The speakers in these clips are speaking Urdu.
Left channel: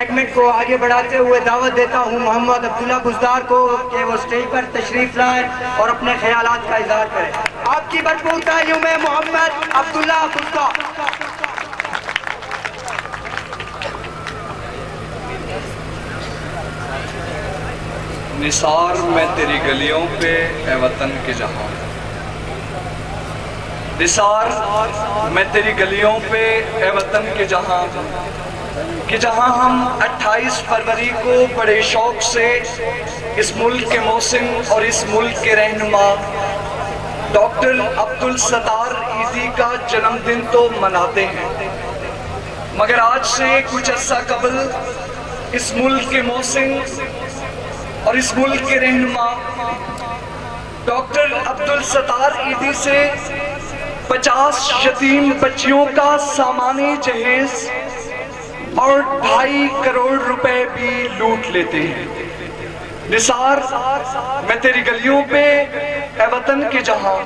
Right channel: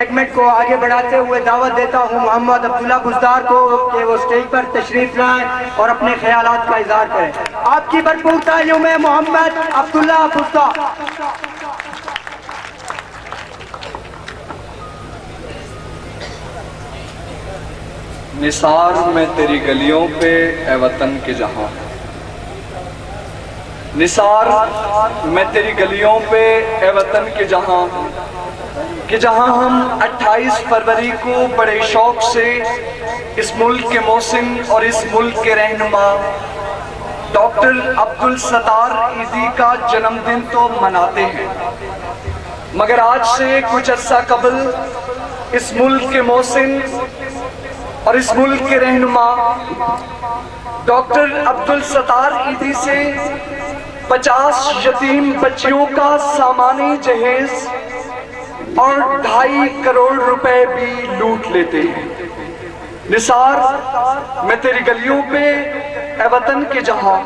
سیگمنٹ کو آگے بڑھاتے ہوئے دعوت دیتا ہوں محمد عبداللہ گزدار کو کہ وہ سٹیج پر تشریف لائیں اور اپنے خیالات کا اظہار کریں۔ آپ کی مشکور تعلیم ہے محمد عبداللہ گزدار۔ نثار میں تیری گلیوں پہ اے وطن کے جہاں، نثار میں تیری گلیوں پہ اے وطن کے جہاں، کہ جہاں ہم 28 فروری کو بڑے شوق سے اس ملک کے محسن اور اس ملک کے رہنما ڈاکٹر عبدالستار ایدھی کا جنم دن تو مناتے ہیں، مگر آج سے کچھ عرصہ قبل اس ملک کے محسن اور اس ملک کے رہنما ڈاکٹر عبدالستار ایدھی سے 50 یتیم بچیوں کا سامانی جہیز اور 2.5 کروڑ روپے بھی لوٹ لیتے ہیں۔ نثار میں تیری گلیوں پہ اے وطن کے جہاں،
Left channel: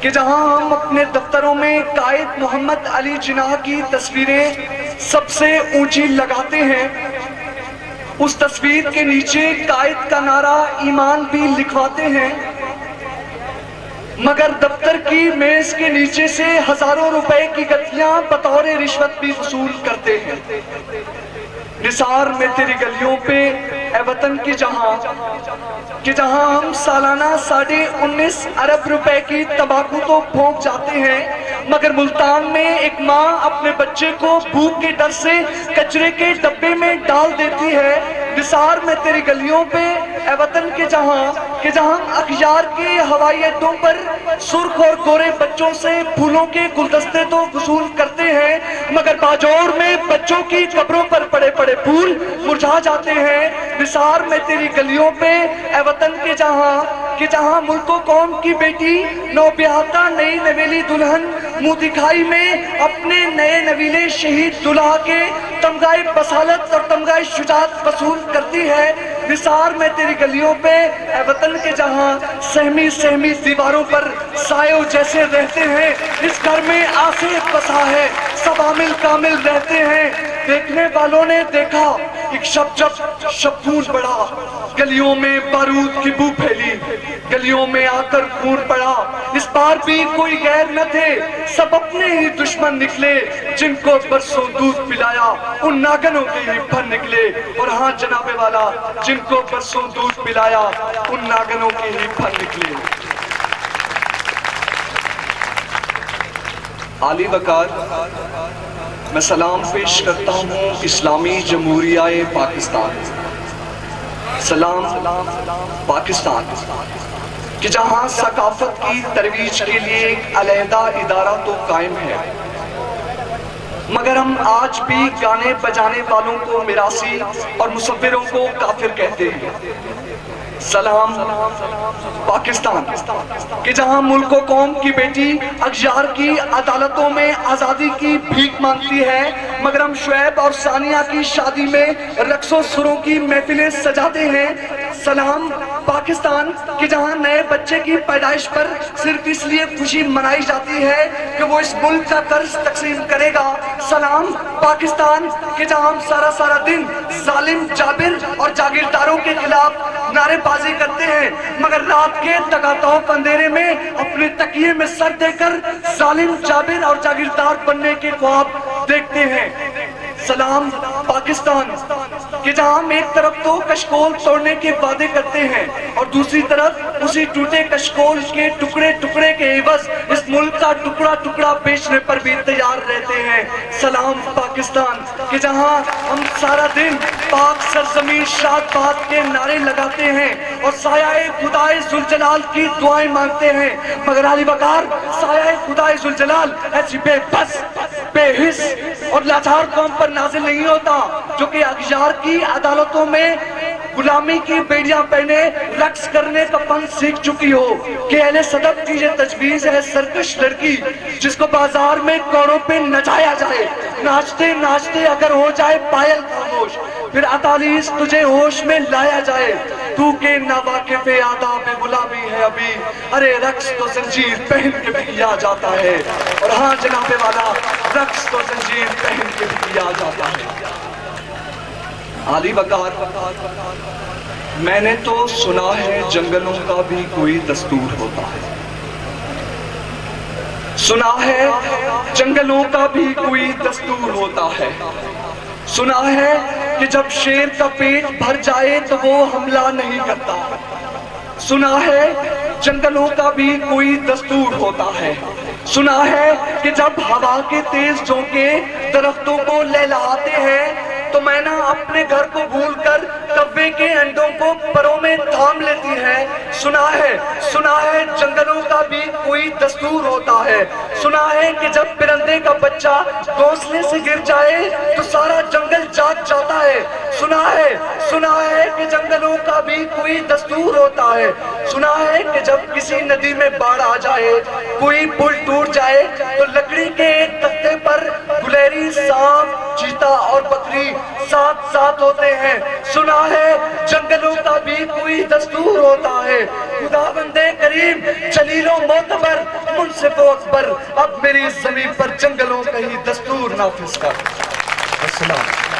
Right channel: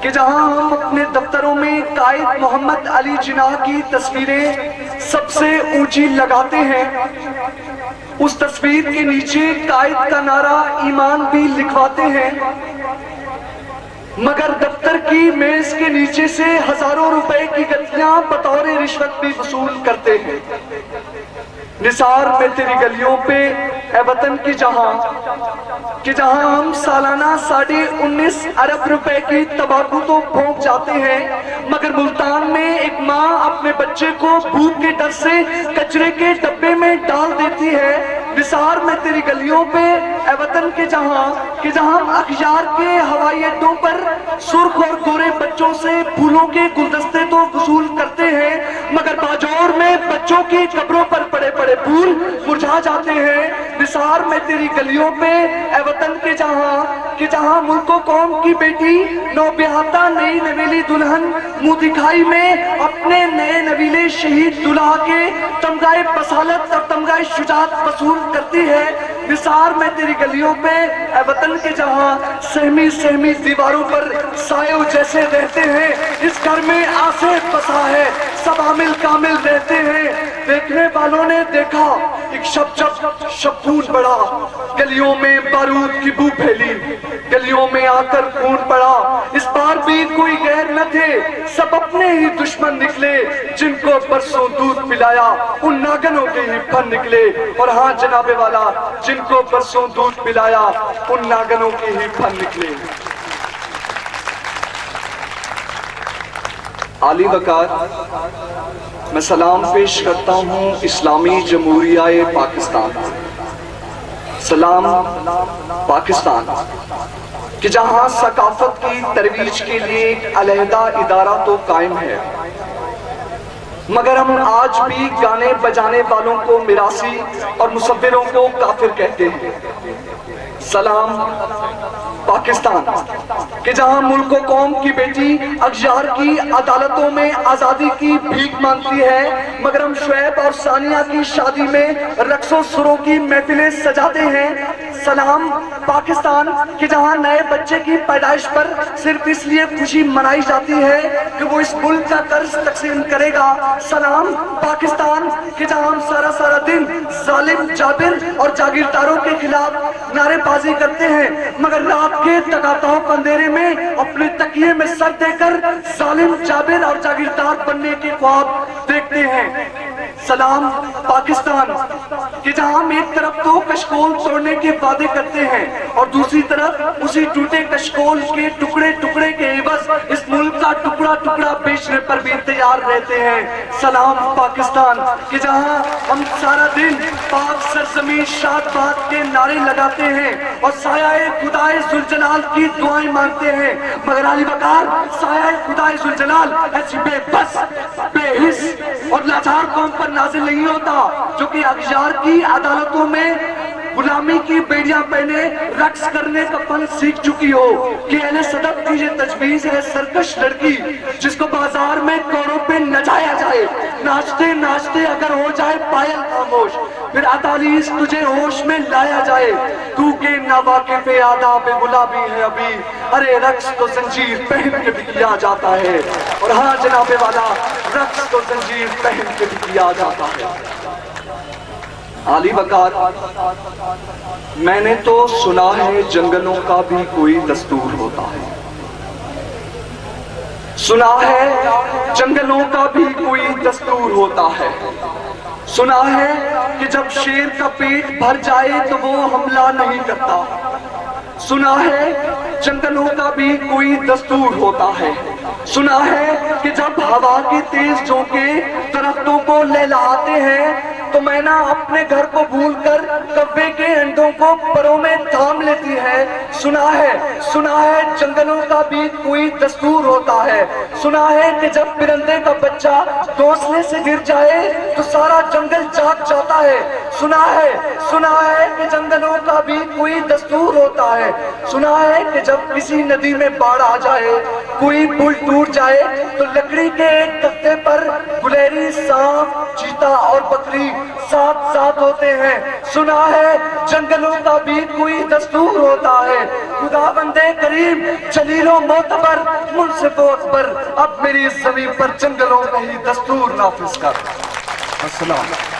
کہ جہاں ہم اپنے دفتروں میں قائد محمد علی جناح کی تصویریں سب سے اونچی لگاتے ہیں، اس تصویر کے نیچے قائد کا نعرہ ایمان بھی لکھواتے ہیں، مگر دفتر کی میز کے نیچے سے ہزاروں روپے کی گٹھیاں بطور رشوت بھی وصول کرتے ہیں۔ نثار میں تیری گلیوں پہ اے وطن کی جہاں، کہ جہاں ہم سالانہ 19.5 ارب روپے کی تمباکو تو پھونک جاتے ہیں، مگر ملتان میں ایک ماں اپنے بچے کو بھوک کے ڈر سے کچرے کے ڈبے میں ڈال دیتی ہے۔ نثار میں تیری گلیوں پہ اے وطن کے جہاں، کہ جہاں ہم اخیار کے ہوائی اڈوں پر سرخ اور گورے بچوں سے پھولوں کے گلدستے تو وصول کرتے ہیں، مگر باجوڑ میں بچوں کی قبروں پر پڑے پڑے پھول مرجھا جاتے ہیں۔ نثار میں تیری گلیوں پہ اے وطن کے جہاں، کہ جہاں ملک و قوم کی بیٹی نوبیاہتا نئی نویلی دلہن منہ دکھائی میں اپنے نئے نویلے شہید دلہا کے تمغہ بصالت اور تمغہ شجاعت وصول کرتی ہے۔ نثار میں تیری گلیوں پہ اے وطن کے جہاں، سہمی سہمی دیواروں پر سایوں جیسے رہتے ہیں، اس گھر میں آسے بسا ہے، سب عامل کامل رہتے ہیں۔ دیکھنے والوں نے دیکھا ایک شب جب شبخون بڑھا، گلیوں میں بارود کی بو پھیلی، گلیوں میں آ کر خون پڑا، اس بار بھی کوئی غیر نہ تھے، سب اپنے ہی دشمن نکلے، جن کو برسوں دودھ پلایا ان ناگنوں کے ہی پھن نکلے۔ اور ہاں جناب والا، جن کو برسوں دودھ پلایا ان ناگنوں کے ہی پھن نکلے۔ عالی وقار میں سلام پیش کرتا ہوں اسلامی جمہوریہ پاکستان، سلام پاکستان، کہ جہاں ثقافت کی ترویج کے لیے ایک علیحدہ ادارہ تو قائم ہے، مگر ہم آج بھی گانے بجانے والوں کو میراثی اور مصوروں کو کافر کہتے ہیں۔ سلام پاکستان، کہ جہاں ملک و قوم کی بیٹی اغیار کی عدالتوں میں آزادی کی بھیک مانگتی ہے، مگر ہم شعیب اور ثانیہ کی شادی میں رقص و سروں کی محفلیں سجاتے ہیں۔ سلام پاکستان، کہ جہاں نئے بچے کی پیدائش پر صرف اس لیے خوشی منائی جاتی ہے کہ وہ اس ملک کا قرض تقسیم کرے گا۔ سلام پاکستان، کہ جہاں ہم سارا دن ظالم جابر اور جاگیرداروں کے خلاف نعرے بازی کرتے ہیں، مگر رات کے تقاطعوں اندھیرے میں اپنے تکیے میں سر دے کر ظالم جابر اور جاگیردار بننے کے خواب دیکھتے ہیں۔ سلام پاکستان، کہ جہاں ہم ایک طرف تو کشکول توڑنے کے وعدے کرتے ہیں اور دوسری طرف اسی ٹوٹے کشکول کے ٹکڑے ٹکڑے کے عوض اس ملک کا ٹکڑا ٹکڑا بیچنے پر بھی تیار رہتے ہیں۔ سلام پاکستان، کہ جہاں ہم سارا دن پاک سرزمین شاد باد کے نعرے لگاتے ہیں اور سایہ خدائے ذوالجلال کی دعائیں مانگتے ہیں، مگر علی وقار سایہ خدائے ذوالجلال ایسی بے بس، بے حس اور لاچار قوم پر نازل نہیں ہوتا جو کہ اغیار کی عدالتوں میں غلامی کی بیڑیاں پہنے رقص کرنے کا فن سیکھ چکی ہو، کہ اہل صدق کی یہ تجویز ہے سرکش لڑکی جس کو بازار میں کوڑوں پہ نچایا جائے، ناچتے ناچتے اگر ہو جائے پائل خاموش، پھر عطالیس تجھے ہوش میں لایا جائے، تو کہ ناواقف آداب غلامی ہے ابھی، ارے رقص تو زنجیر پہن کے بھی کیا جاتا ہے۔ اور ہاں جناب والا، رقص تو زنجیر پہن کے بھی کیا جاتا ہے۔ عالی وقار، میں نے تو سنا ہے جنگلوں کا بھی کوئی دستور ہوتا ہے، سنا ہے جنگلوں کا بھی کوئی دستور ہوتا ہے، سنا ہے کہ جب شیر کا پیٹ بھر جائے تو وہ حملہ نہیں کرتا، سنا ہے جنگلوں کا بھی کوئی دستور ہوتا ہے، سنا ہے کہ جب ہوا کی تیز جھونکے درختوں کو لہلاتے ہیں تو مینا اپنے گھر کو بھول کر کوے کے انڈوں کو پروں میں تھام لیتی ہے، سنا ہے جنگلوں کا بھی کوئی دستور ہوتا ہے، سنا ہے کہ جب پرندے کا بچہ گھونسلے سے گر جائے تو سارا جنگل جاگ جاتا ہے، سنا ہے کہ جنگلوں کا بھی کوئی دستور ہوتا ہے، سنا ہے کہ جب کسی ندی میں باڑھ آ جائے، کوئی پل ٹوٹ جائے تو لکڑی کے ایک تختے پر گلیری، سانپ، چیتا اور بکری ساتھ ساتھ ہوتے ہیں، سنا ہے جنگلوں کا بھی کوئی دستور ہوتا ہے۔ خدا بندے کریم، جلیل و معتبر، منصف و اکبر، اب میری زمین پر جنگلوں کا ہی دستور نافذ کر۔ السلام۔